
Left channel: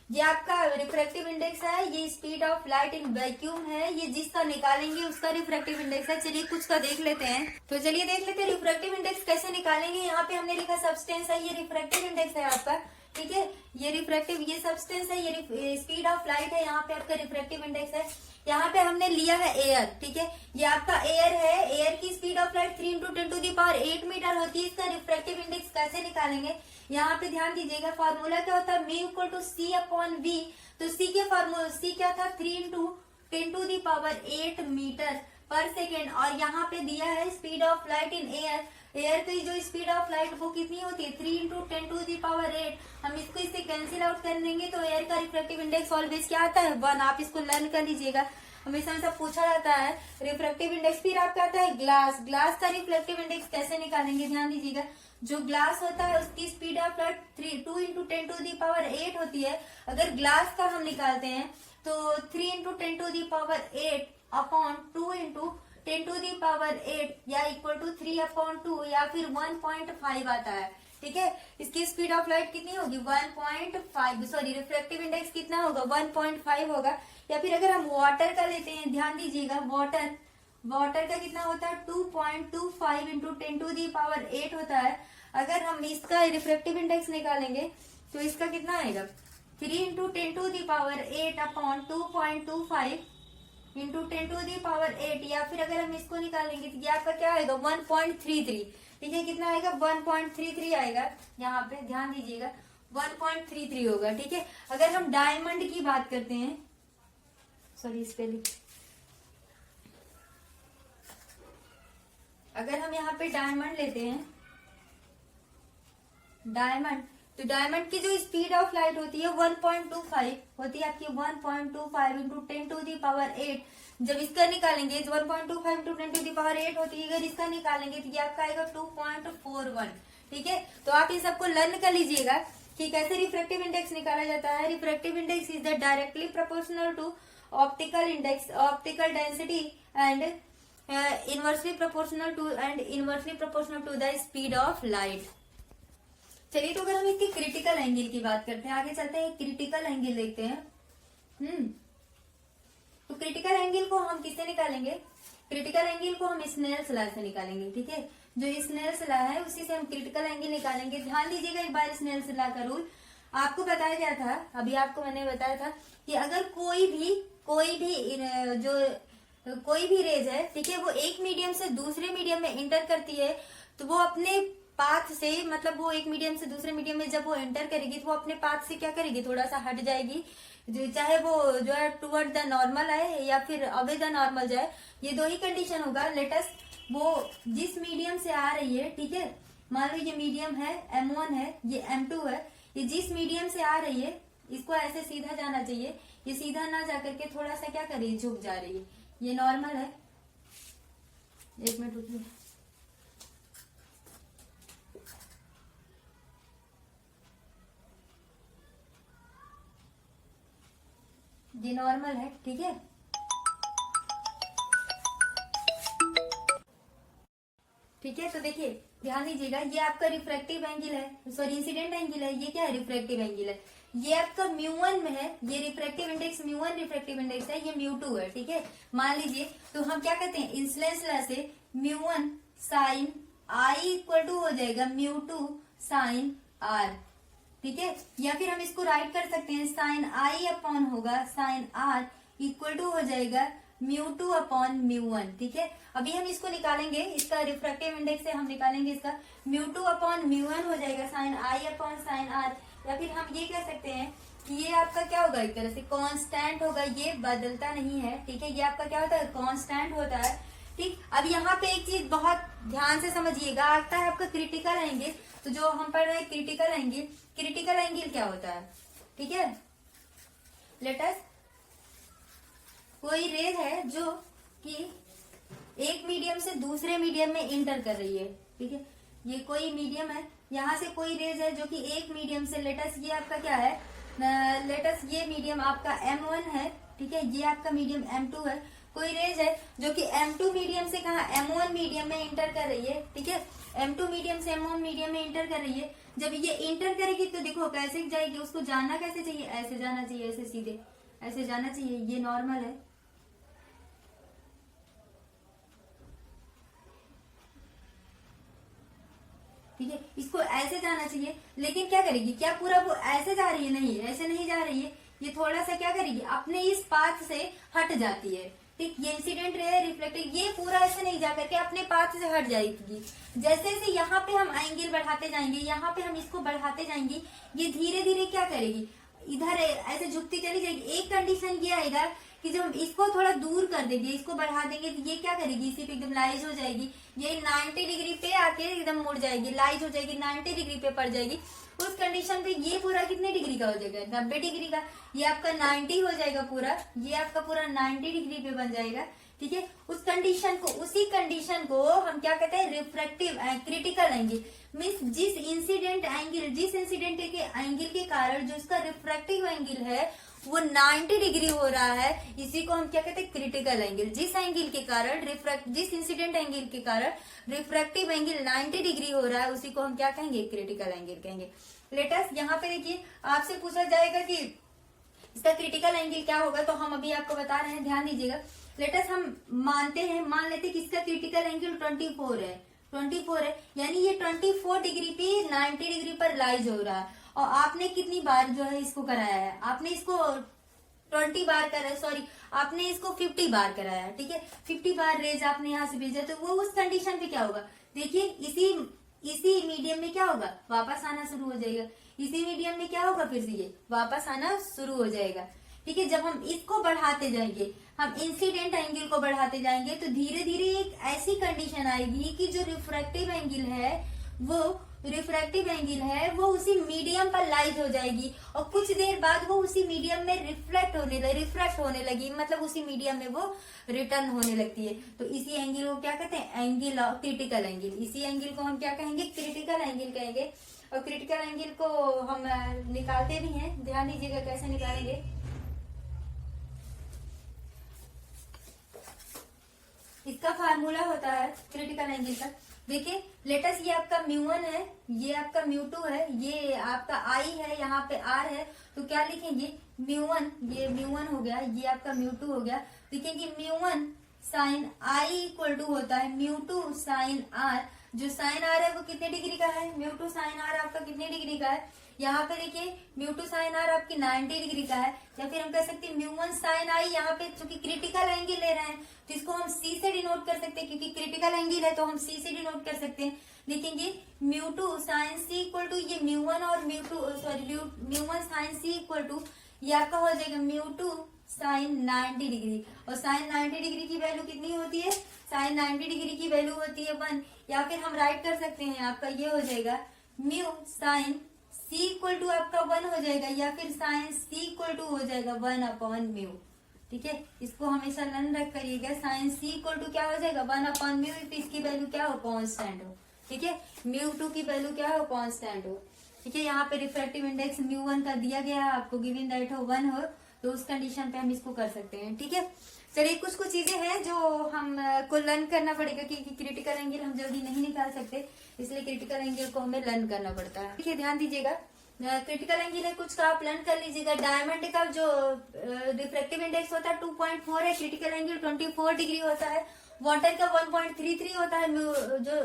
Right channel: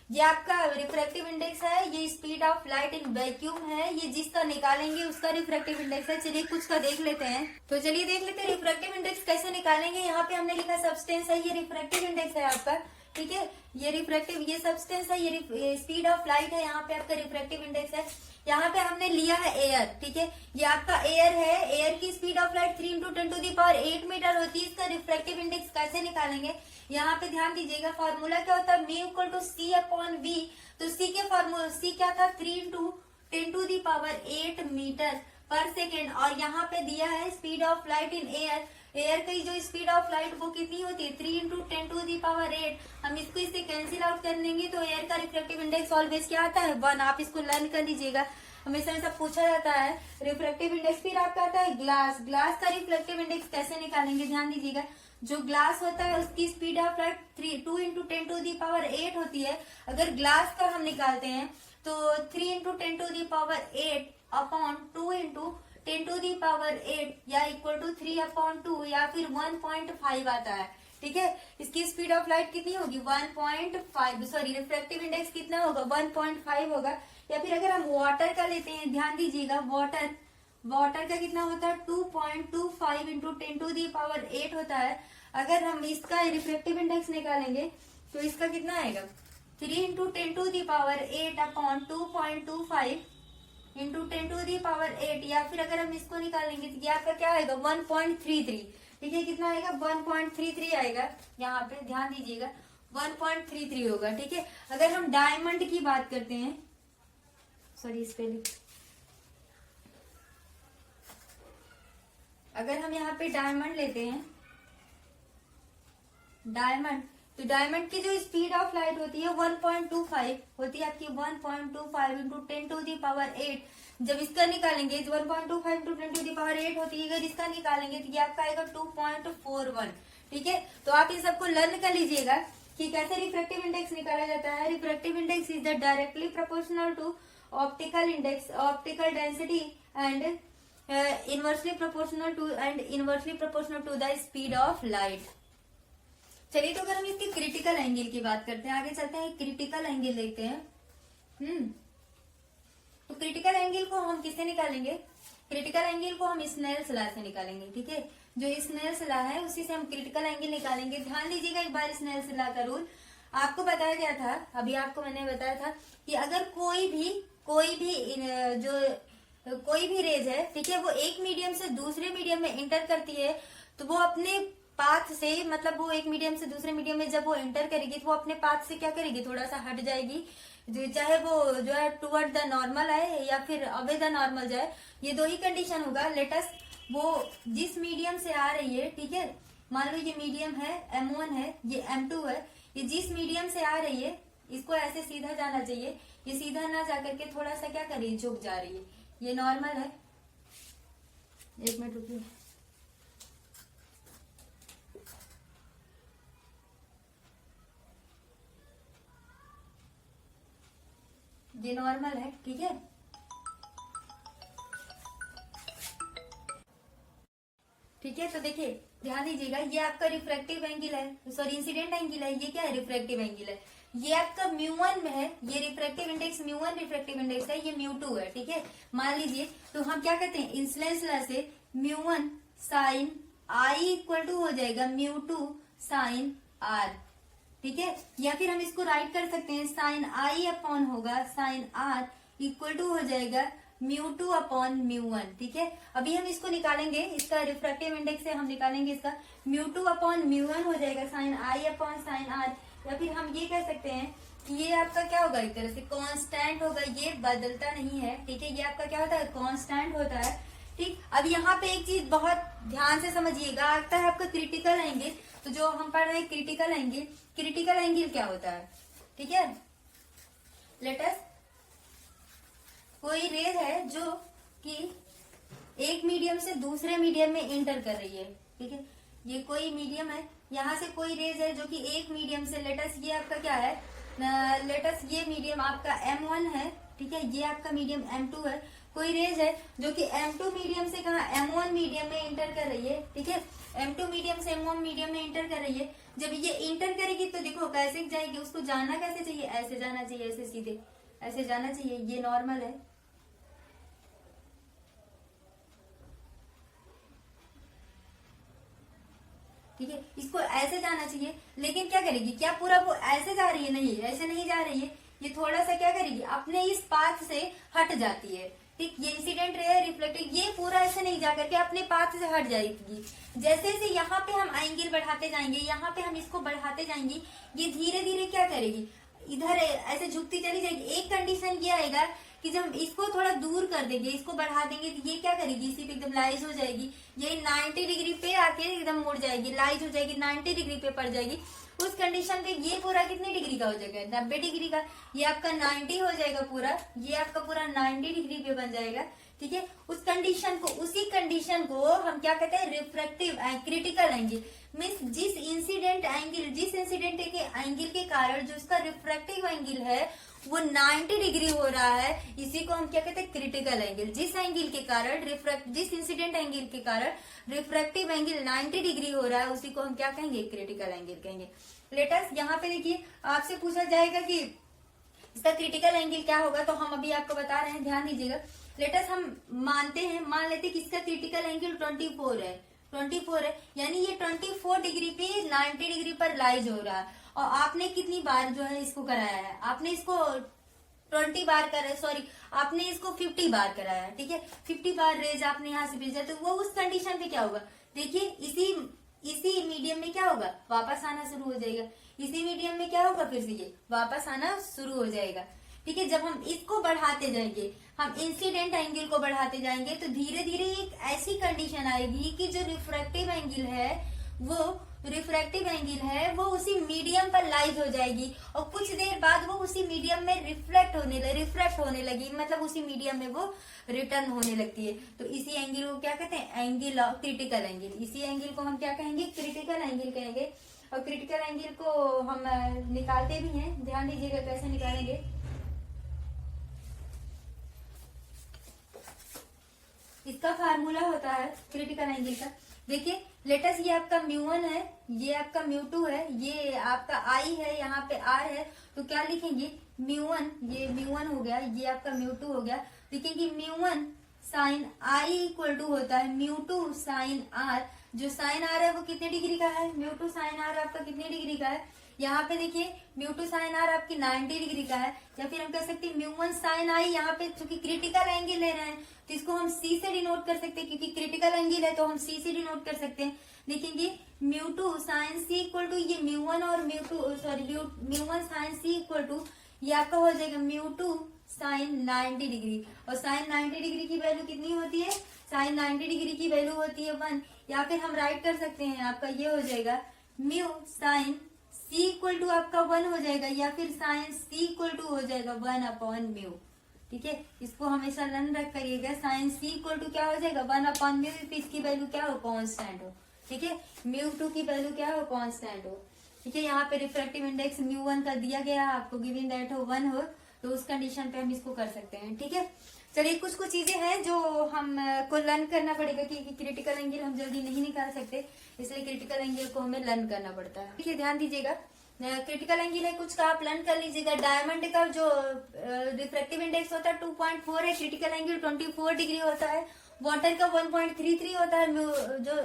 ये आपका रिफ्रैक्टिव इंडेक्स है, ये speed of light in vacuum है, ये जिसका निकालेंगे उसका रिफ्रैक्टिव इंडेक्स है। चलिए कुछ का देख लेते हैं, तो चलिए देख लेते हैं रिफ्रैक्टिव इंडेक्स कैसे निकालेंगे। यहाँ पे हमने लिखा सब्सटेंस है, ये रिफ्रैक्टिव इंडेक्स है आपका। ठीक है, ये रिफ्रैक्टिव, ये सब्सटेंस है, ये स्पीड ऑफ लाइट है, यहाँ पे आपका रिफ्रैक्टिव इंडेक्स है। यहाँ पे हमने लिया है एयर। ठीक है, ये आपका एयर है, एयर की स्पीड ऑफ लाइट 3 × 10⁸ मीटर होती है। इसका रिफ्रैक्टिव इंडेक्स कैसे निकालेंगे, यहाँ पे ध्यान दीजिएगा, फॉर्मूला क्या होता है, mu equal to C upon v. तो C के फॉर्मूला, C क्या था, 3 × 10⁸ मीटर पर सेकेंड, और यहाँ पे दिया है speed of light in air. Air की जो स्पीड ऑफ लाइट वो कितनी होती है, 3 × 10⁸। हम इसको इससे कैंसिल आउट कर देंगे तो एयर का रिफ्रैक्टिव इंडेक्स ऑलवेज क्या आता है, 1। आप इसको लर्न कर लीजिएगा, हमेशा पूछा जाता है रिफ्रैक्टिव इंडेक्स। फिर आपका आता है ग्लास। ग्लास का रिफ्लेक्टिव इंडेक्स कैसे निकालेंगे, ध्यान दीजिएगा। जो ग्लास होता है उसकी speed of light 2 into 10 to the power 8 होती है। अगर ग्लास का हम निकालते हैं तो 3 into 10 to the power 8 upon 2 into 10 to the power 8 या इक्वल टू 3 अपॉन 2 या फिर 1.5 आता है। ठीक है, इसकी स्पीड ऑफ लाइट कितनी होगी 1.5, सॉरी रिफ्रैक्टिव इंडेक्स कितना होगा 1.5 होगा। या फिर अगर हम वाटर का लेते हैं, ध्यान दीजिएगा वाटर का कितना होता है 2.25 इंटू 10 टू दी पावर 8 होता है। अगर हम इसका रिफ्रैक्टिव इंडेक्स निकालेंगे तो इसका कितना आएगा 3 into 10 to the power 8 upon 2.25 into 10 to the power 8 या फिर अगर हम इसको निकालेंगे तो ये आपका क्या आएगा 1.33। ठीक है, कितना आएगा 1.33 आएगा। यहाँ पे ध्यान दीजिएगा 1.33 होगा। ठीक है, अगर हम डायमंड की बात करते हैं, सॉरी स्पेलिंग, अगर हम यहाँ पे डायमंड लेते हैं डायमंड, तो डायमंड की जो स्पीड ऑफ लाइट होती है 1.25 होती है आपकी 1.25 इंटू 10 टू दी पावर 8। जब इसका निकालेंगे 1.25 इंटू 10 टू दी पावर 8 होती है, अगर इसका निकालेंगे तो ये आपका आएगा 2.41। ठीक है, तो आप ये सबको लर्न कर लीजिएगा कि कैसे रिफ्रैक्टिव इंडेक्स निकाला जाता है। Refractive index is the directly proportional to optical index, optical density and inversely proportional to the speed of light. चलिए, तो अगर हम इसके क्रिटिकल एंगल की बात करते हैं, आगे चलते हैं क्रिटिकल एंगल देखते हैं। तो क्रिटिकल एंगल को हम किससे निकालेंगे, क्रिटिकल एंगल को हम स्नेल्स लॉ से निकालेंगे। ठीक है, जो स्नेल्स लॉ है उसी से हम क्रिटिकल एंगल निकालेंगे। ध्यान दीजिएगा एक बार स्नेल्स लॉ का रूल आपको बताया गया था, अभी आपको मैंने बताया था कि अगर कोई भी रेज है, ठीक है, वो एक मीडियम से दूसरे मीडियम में इंटर करती है तो वो अपने पाथ से, मतलब वो एक मीडियम से दूसरे मीडियम में जब वो एंटर करेगी तो वो अपने पाथ से क्या करेगी, थोड़ा सा हट जाएगी, चाहे वो जो है टुवर्ड द नॉर्मल आए या फिर अवे द नॉर्मल जाए। ये दो ही कंडीशन होगा। लेटस वो जिस मीडियम से आ रही है, ठीक है, मान लो ये मीडियम है M1 है, ये M2 है, ये जिस मीडियम से आ रही है इसको ऐसे सीधा जाना चाहिए, ये सीधा ना जाकर के थोड़ा सा क्या कर रही है, झुक जा रही है, ये नॉर्मल है। एक मिनट रुकिए, ये नॉर्मल है। ठीक है, ठीक है, तो देखिए ध्यान दीजिएगा, ये आपका रिफ्रैक्टिव एंगल है, सॉरी इंसिडेंट एंगल है, ये क्या है रिफ्रैक्टिव एंगल है, ये आपका μ1 में है, ये रिफ्रैक्टिव इंडेक्स μ1 रिफ्रैक्टिव इंडेक्स है, ये μ2 है। ठीक है, मान लीजिए तो हम क्या करते हैं इंसिडेंस लॉ से μ1 साइन I इक्वल टू हो जाएगा μ2 साइन R। ठीक है, या फिर हम इसको राइट कर सकते हैं साइन I अपॉन होगा साइन R इक्वल टू हो जाएगा μ2 अपॉन μ1। ठीक है, अभी हम इसको निकालेंगे, इसका रिफ्रैक्टिव इंडेक्स से हम निकालेंगे, इसका μ2 अपॉन μ1 हो जाएगा sine I upon sine R। या फिर हम ये कह सकते हैं कि ये आपका क्या होगा, एक तरह से कांस्टेंट होगा, ये बदलता नहीं है। ठीक है, ये आपका क्या होता है, कांस्टेंट होता है। ठीक, अब यहाँ पे एक चीज बहुत ध्यान से समझिएगा, आता है आपका क्रिटिकल एंगल। तो जो हम पढ़ रहे हैं क्रिटिकल एंगल, क्रिटिकल एंगल क्या होता है, ठीक है, लेटस कोई रेज है जो कि एक मीडियम से दूसरे मीडियम में इंटर कर रही है। ठीक है, ये कोई मीडियम है, यहाँ से कोई रेज है जो कि एक मीडियम से, लेटस ये आपका क्या है, लेटस ये मीडियम आपका M1 है। ठीक है, ये आपका मीडियम M2 है। कोई रेज है जो कि M2 मीडियम से कहा M1 मीडियम में इंटर कर रही है। ठीक है, M2 मीडियम से M1 मीडियम में इंटर कर रही है। जब ये इंटर करेगी तो देखो कैसे जाएगी, उसको जाना कैसे चाहिए, ऐसे जाना चाहिए, ऐसे सीधे ऐसे जाना चाहिए, ये नॉर्मल है। ठीक है, इसको ऐसे जाना चाहिए, लेकिन क्या करेगी, क्या पूरा वो ऐसे जा रही है, नहीं ऐसे नहीं जा रही है, ये थोड़ा सा क्या करेगी, अपने इस पाथ से हट जाती है। ठीक, ये इंसिडेंट रे है, रिफ्लेक्टिव, ये पूरा ऐसे नहीं जाकर के अपने पाथ से हट जाएगी। जैसे जैसे यहाँ पे हम एंगल बढ़ाते जाएंगे, यहाँ पे हम इसको बढ़ाते जाएंगे, ये धीरे धीरे क्या करेगी, इधर ऐसे झुकती चली जाएगी। एक कंडीशन ये आएगा कि जब हम इसको थोड़ा दूर कर देंगे, इसको बढ़ा देंगे, तो ये क्या करेगी, इसी पे एकदम लाइज हो जाएगी, ये 90 डिग्री पे आके एकदम मुड़ जाएगी, लाइज हो जाएगी, 90 डिग्री पे पड़ जाएगी। उस कंडीशन पे ये पूरा कितने डिग्री का हो जाएगा, 90 डिग्री का। ये आपका 90 हो जाएगा पूरा, ये आपका पूरा 90 डिग्री पे बन जाएगा। ठीक है, उस कंडीशन को, उसी कंडीशन को हम क्या कहते हैं, रिफ्रैक्टिव क्रिटिकल एंगल। मीन्स जिस इंसिडेंट के एंगल के कारण जो उसका रिफ्रैक्टिव एंगल है वो 90 डिग्री हो रहा है, इसी को हम क्या कहते हैं, क्रिटिकल एंगल। जिस एंगल के कारण जिस इंसिडेंट एंगल के कारण रिफ्रैक्टिव एंगल 90 डिग्री हो रहा है, उसी को हम क्या कहेंगे, क्रिटिकल एंगल कहेंगे। लेटेस्ट यहाँ पे देखिए, आपसे पूछा जाएगा कि इसका क्रिटिकल एंगल क्या होगा, तो हम अभी आपको बता रहे हैं, ध्यान दीजिएगा। लेटेस्ट हम मान लेते कि इसका क्रिटिकल एंगल 24 है, 24 है, यानी ये 24 डिग्री पे 90 डिग्री पर लाइज हो रहा है। और आपने कितनी बार जो है इसको कराया है, आपने इसको 20 बार कराया, सॉरी आपने इसको 50 बार कराया। ठीक है, 50 बार रेज आपने यहाँ से भेजा, तो वो उस कंडीशन पे क्या होगा, देखिए इसी मीडियम में क्या होगा, वापस आना शुरू हो जाएगा। इसी मीडियम में क्या होगा, फिर से ये वापस आना शुरू हो जाएगा। ठीक है, जब हम इसको बढ़ाते जाएंगे, हम इंसिडेंट एंगल को बढ़ाते जाएंगे, तो धीरे धीरे एक ऐसी कंडीशन आएगी कि जो रिफ्रैक्टिव एंगल है वो उसी मीडियम पर लाइज हो जाएगी, और कुछ देर बाद वो उसी मीडियम में रिफ्रैक्ट होने लगी, मतलब उसी मीडियम में वो रिटर्न होने लगती है। तो इसी एंगल को क्या कहते हैं, एंगल ऑफ क्रिटिकल एंगल। इसी एंगल को हम क्या कहेंगे, क्रिटिकल एंगल कहेंगे। और क्रिटिकल एंगल को हम निकालते भी हैं, ध्यान दीजिएगा कैसे निकालेंगे। इसका फार्मूला होता है क्रिटिकल एंगल का, देखिए लेटेस्ट ये आपका μ1 है, ये आपका μ2 है, ये आपका I है, यहाँ पे R है, तो क्या लिखेंगे, μ1, ये μ1 हो गया, ये आपका μ2 हो गया। लिखेंगे μ1 साइन I इक्वल टू होता है μ2 साइन R। जो साइन R है वो कितने डिग्री का है, μ2 साइन R आपका कितने डिग्री का है, यहाँ पे देखिए μ2 साइन R आपकी 90 डिग्री का है। या फिर हम कह सकते हैं μ1 साइन I, यहाँ पे चूंकि क्रिटिकल एंगल ले रहे हैं तो इसको हम C से डिनोट कर सकते हैं, क्योंकि क्रिटिकल एंगल है तो हम C से डिनोट कर सकते हैं। लिखेंगे μ2 साइन C इक्वल टू ये μ1 और μ1 साइन C इक्वल टू ये आपका हो जाएगा μ2 साइन 90 डिग्री। और साइन 90 डिग्री की वैल्यू कितनी होती है, साइन 90 डिग्री की वैल्यू होती है 1। या फिर हम राइट कर सकते हैं, आपका ये हो जाएगा mu sine C equal to आपका 1 हो जाएगा, या फिर साइन C इक्वल टू हो जाएगा 1 अपॉन म्यू। ठीक है, इसको हमेशा लर्न रख करिएगा, साइन C इक्वल टू क्या हो जाएगा 1 अपॉन म्यू, इसकी वैल्यू क्या हो, कांस्टेंट हो। ठीक है, μ2 की वैल्यू क्या हो, कांस्टेंट हो। ठीक है, यहाँ पे रिफ्रैक्टिव इंडेक्स μ1 का दिया गया है आपको, गिवन दैट हो 1 हो, तो उस कंडीशन पे हम इसको कर सकते हैं। ठीक है, चलिए कुछ चीजें हैं जो हम को लर्न करना पड़ेगा, क्योंकि क्रिटिकल एंगल हम जल्दी नहीं निकाल सकते, इसलिए क्रिटिकल एंगल को हमें लर्न करना पड़ता है। ठीक है, ध्यान दीजिएगा, क्रिटिकल एंगल है कुछ का, आप लर्न कर लीजिएगा। डायमंड का जो रिफ्रैक्टिव इंडेक्स होता है 2.4 है, क्रिटिकल एंगल 24 डिग्री होता है। वाटर का 1.33 होता है, जो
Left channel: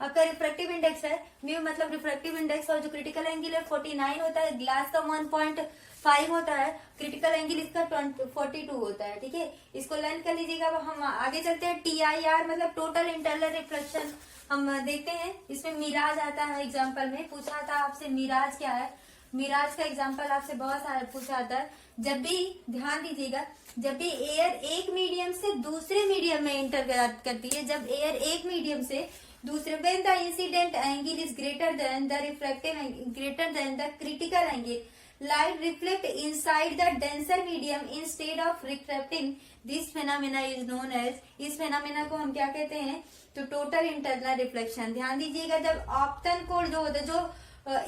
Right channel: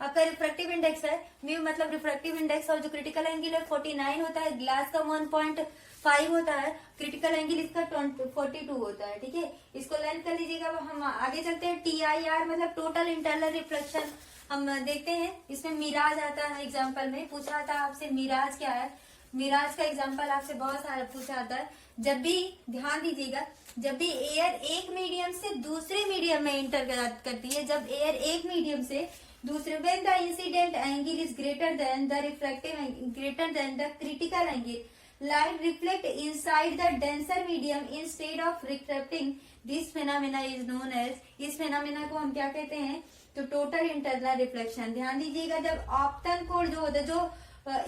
आपका रिफ्रैक्टिव इंडेक्स है, म्यू मतलब रिफ्रैक्टिव इंडेक्स, और जो क्रिटिकल एंगल है 49 होता है। ग्लास का 1.5 होता है, क्रिटिकल एंगल इसका 42 होता है। ठीक है, इसको लर्न कर लीजिएगा। हम आगे चलते हैं, TIR मतलब टोटल इंटरनल रिफ्लेक्शन हम देखते हैं। इसमें मिराज आता है, एग्जाम्पल में पूछा था आपसे मिराज क्या है, मिराज का एग्जाम्पल आपसे बहुत सारा पूछा आता है। जब भी ध्यान दीजिएगा, जब भी एयर एक मीडियम से दूसरे मीडियम में इंटर करती है, जब एयर एक मीडियम से दूसरे, when the incident angle is greater than the refractive greater than the critical angle, light reflect inside the denser medium instead of refracting. This phenomena is known as, इस phenomena को हम क्या कहते हैं, तो टोटल इंटरनल रिफ्लेक्शन। ध्यान दीजिएगा, जब ऑप्टन कोण जो होता है, जो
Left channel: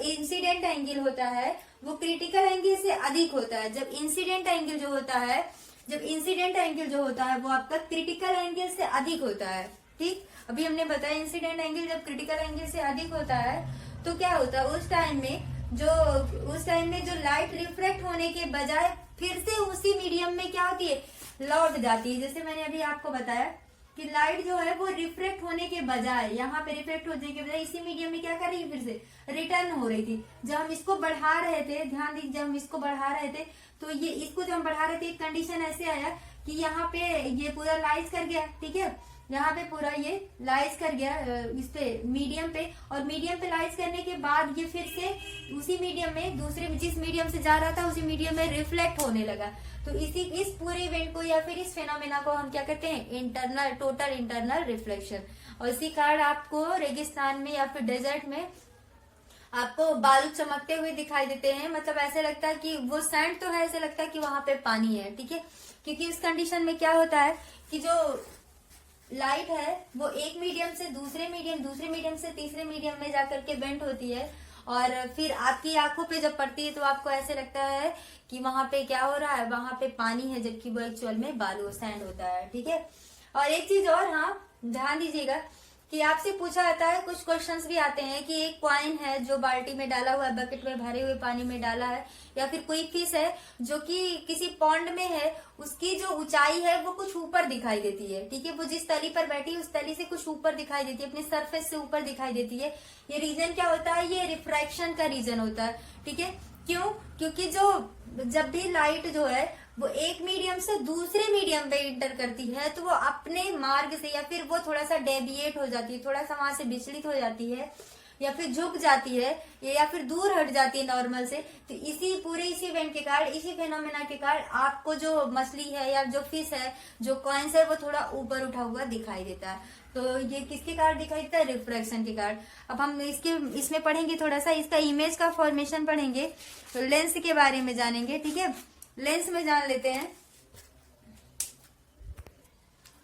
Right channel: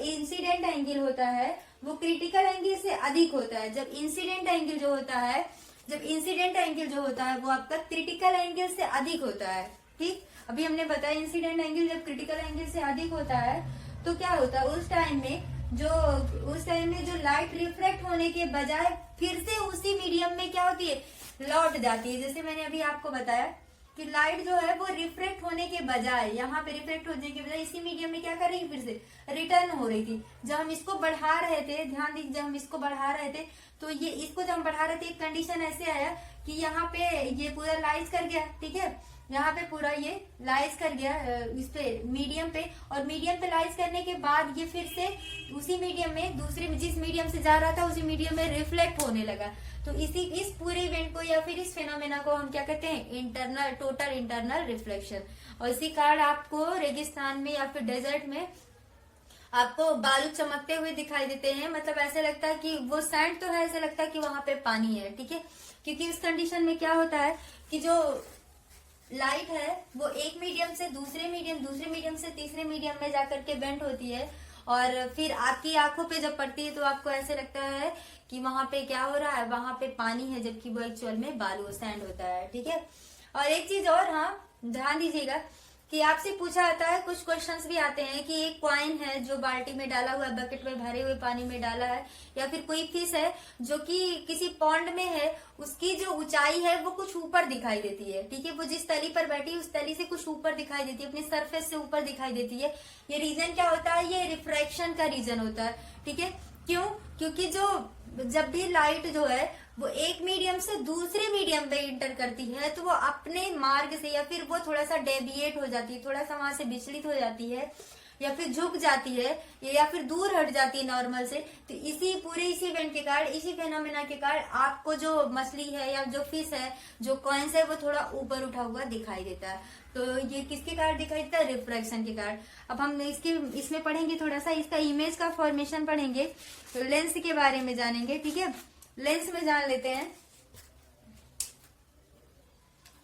इंसिडेंट एंगल होता है वो क्रिटिकल एंगल से अधिक होता है। जब इंसिडेंट एंगल जो होता है वो आपका क्रिटिकल एंगल से अधिक होता है। ठीक, अभी हमने बताया इंसिडेंट एंगल जब क्रिटिकल एंगल से अधिक होता है तो क्या होता है, उस टाइम में जो लाइट रिफ्लेक्ट होने के बजाय फिर से उसी मीडियम में क्या होती है, लौट जाती है। जैसे मैंने अभी आपको बताया कि लाइट जो है वो रिफ्लेक्ट होने के बजाय, यहाँ पे रिफ्लेक्ट होने के बजाय इसी मीडियम में क्या कर रही है, फिर से रिटर्न हो रही थी। जब हम इसको बढ़ा रहे थे, ध्यान दीजिए, जब हम इसको बढ़ा रहे थे तो ये इसको जब हम बढ़ा रहे थे एक कंडीशन ऐसे आया कि यहाँ पे ये पूरा लाइज कर गया। ठीक है, यहाँ पे पूरा ये लाइज कर गया इस पे मीडियम पे, और मीडियम पे लाइज करने के बाद ये फिर से उसी मीडियम में, दूसरे जिस मीडियम से जा रहा था उसी मीडियम में रिफ्लेक्ट होने लगा। तो इस पूरे इवेंट को या फिर इस फेनोमेना को हम क्या कहते हैं, टोटल इंटरनल रिफ्लेक्शन। और इसी कारण आपको रेगिस्तान में या फिर डेजर्ट में आपको बालू चमकते हुए दिखाई देते हैं, मतलब ऐसे लगता है कि वो सैंड तो है, ऐसे लगता है कि वहां पे पानी है, ठीक है। क्योंकि उस कंडीशन में क्या होता है कि जो लाइट है वो एक मीडियम से दूसरे मीडियम से तीसरे मीडियम में जाकर के बेंड होती है, और फिर आपकी आंखों पे जब पड़ती है तो आपको ऐसे लगता है कि वहां पे क्या हो रहा है, वहां पे पानी है, जबकि वो एक्चुअल में बालू सैंड होता है, ठीक है। और एक चीज और, हाँ ध्यान दीजिएगा कि आपसे पूछा जाता है, कुछ क्वेश्चंस भी आते हैं कि एक कॉइन है जो बाल्टी में डाला हुआ है, बकेट में भरे हुए पानी में डाला है, या फिर कोई फिश है जो कि किसी पॉन्ड में है, उसकी जो ऊंचाई है वो कुछ ऊपर दिखाई देती है, ठीक है। वो जिस तली पर बैठी है उस तली से कुछ ऊपर दिखाई देती है, अपने सरफेस से ऊपर दिखाई देती है। ये रीजन क्या होता है, ये रिफ्रैक्शन का रीजन होता है, ठीक है। क्यों? क्योंकि जब भी लाइट जो है वो एक मीडियम से दूसरे मीडियम पे इंटर करती है, तो वो अपने मार्ग से, या फिर वो थोड़ा सा डेविएट हो जाती है, थोड़ा सा वहां से विचलित हो जाती है, या फिर झुक जाती है, या फिर दूर हट जाती है नॉर्मल से। तो इसी इवेंट के कारण, इसी फेनोमेना के कारण आपको जो मछली है या जो फिश है, जो कॉइन्स है, वो थोड़ा ऊपर उठा हुआ दिखाई देता है। तो ये किसके कारण दिखाई देता है? रिफ्रैक्शन के कारण। अब हम इसमें पढ़ेंगे, थोड़ा सा इसका इमेज का फॉर्मेशन पढ़ेंगे, तो लेंस के बारे में जानेंगे, ठीक है। लेंस में जान लेते हैं,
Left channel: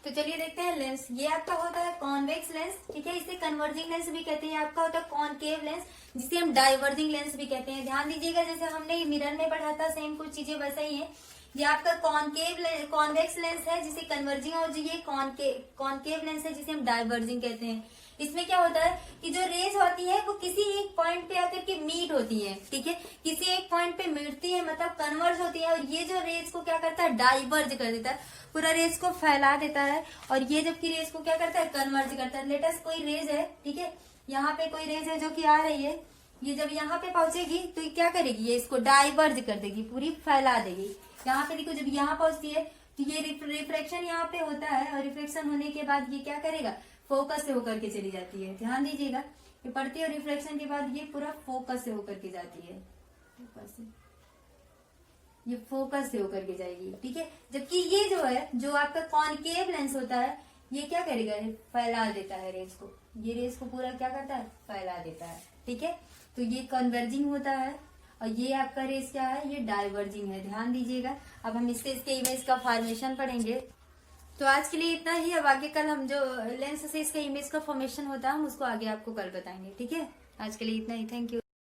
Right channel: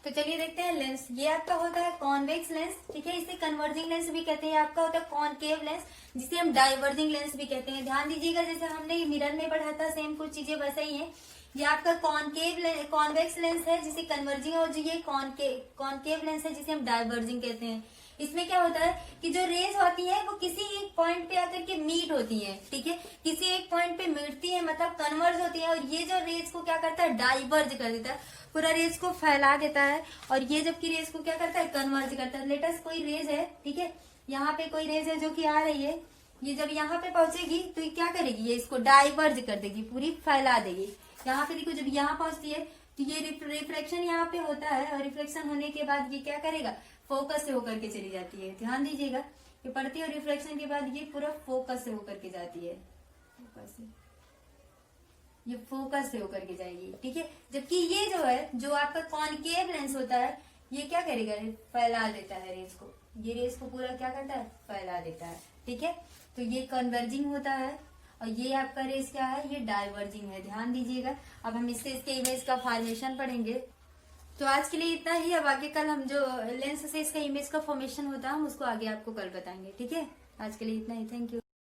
तो चलिए देखते हैं लेंस। ये आपका होता है कॉन्वेक्स लेंस, ठीक है, इसे कन्वर्जिंग लेंस भी कहते हैं। आपका होता है कॉनकेव लेंस, जिसे हम डाइवर्जिंग लेंस भी कहते हैं। ध्यान दीजिएगा, जैसे हमने मिरर में पढ़ा था, सेम कुछ चीजें वैसा ही है। ये आपका कॉन्वेक्स लेंस है जिसे कन्वर्जिंग, और जो ये कॉनकेव लेंस है जिसे हम डाइवर्जिंग कहते हैं। इसमें क्या होता है कि जो रेज होती है वो किसी एक पॉइंट पे आकर के मीट होती है, ठीक है, किसी एक पॉइंट पे मिटती है, मतलब कन्वर्ज होती है, और ये जो रेज को क्या करता है, डाइवर्ज कर देता है, पूरा रेज को फैला देता है, और ये जबकि रेज को क्या करता है, कन्वर्ज करता है। लेटेस्ट कोई रेज है, ठीक है, यहाँ पे कोई रेज है जो कि आ रही है, ये जब यहाँ पे पहुंचेगी तो ये क्या करेगी, ये इसको डाइवर्ज कर देगी, पूरी फैला देगी। यहाँ पे देखो, जब यहाँ पहुंचती है तो ये रिफ्लेक्शन यहाँ पे होता है, और रिफ्लेक्शन होने के बाद ये क्या करेगा, फोकस से होकर के चली जाती है। ध्यान दीजिएगा, ये पढ़ती है, और रिफ्लेक्शन के बाद ये पूरा फोकस से होकर के जाती है, ये फोकस से होकर के जाएगी, ठीक है। जबकि ये जो है, जो आपका कॉनकेव लेंस होता है, ये क्या करेगा, फैला देता है रेस को, ये रेस को पूरा क्या करता है, फैला देता है, ठीक है। तो ये कन्वर्जिंग होता है, और ये आपका रेस क्या है, ये डाइवर्जिंग है। ध्यान दीजिएगा। अब हम इसके इमेज का फॉर्मेशन पढ़ेंगे। तो आज के लिए इतना ही। अब आगे कल हम जो लेंस से इसका इमेज का फॉर्मेशन होता है, हम उसको आगे आपको कल बताएंगे, ठीक है। आज के लिए इतना ही। Thank you.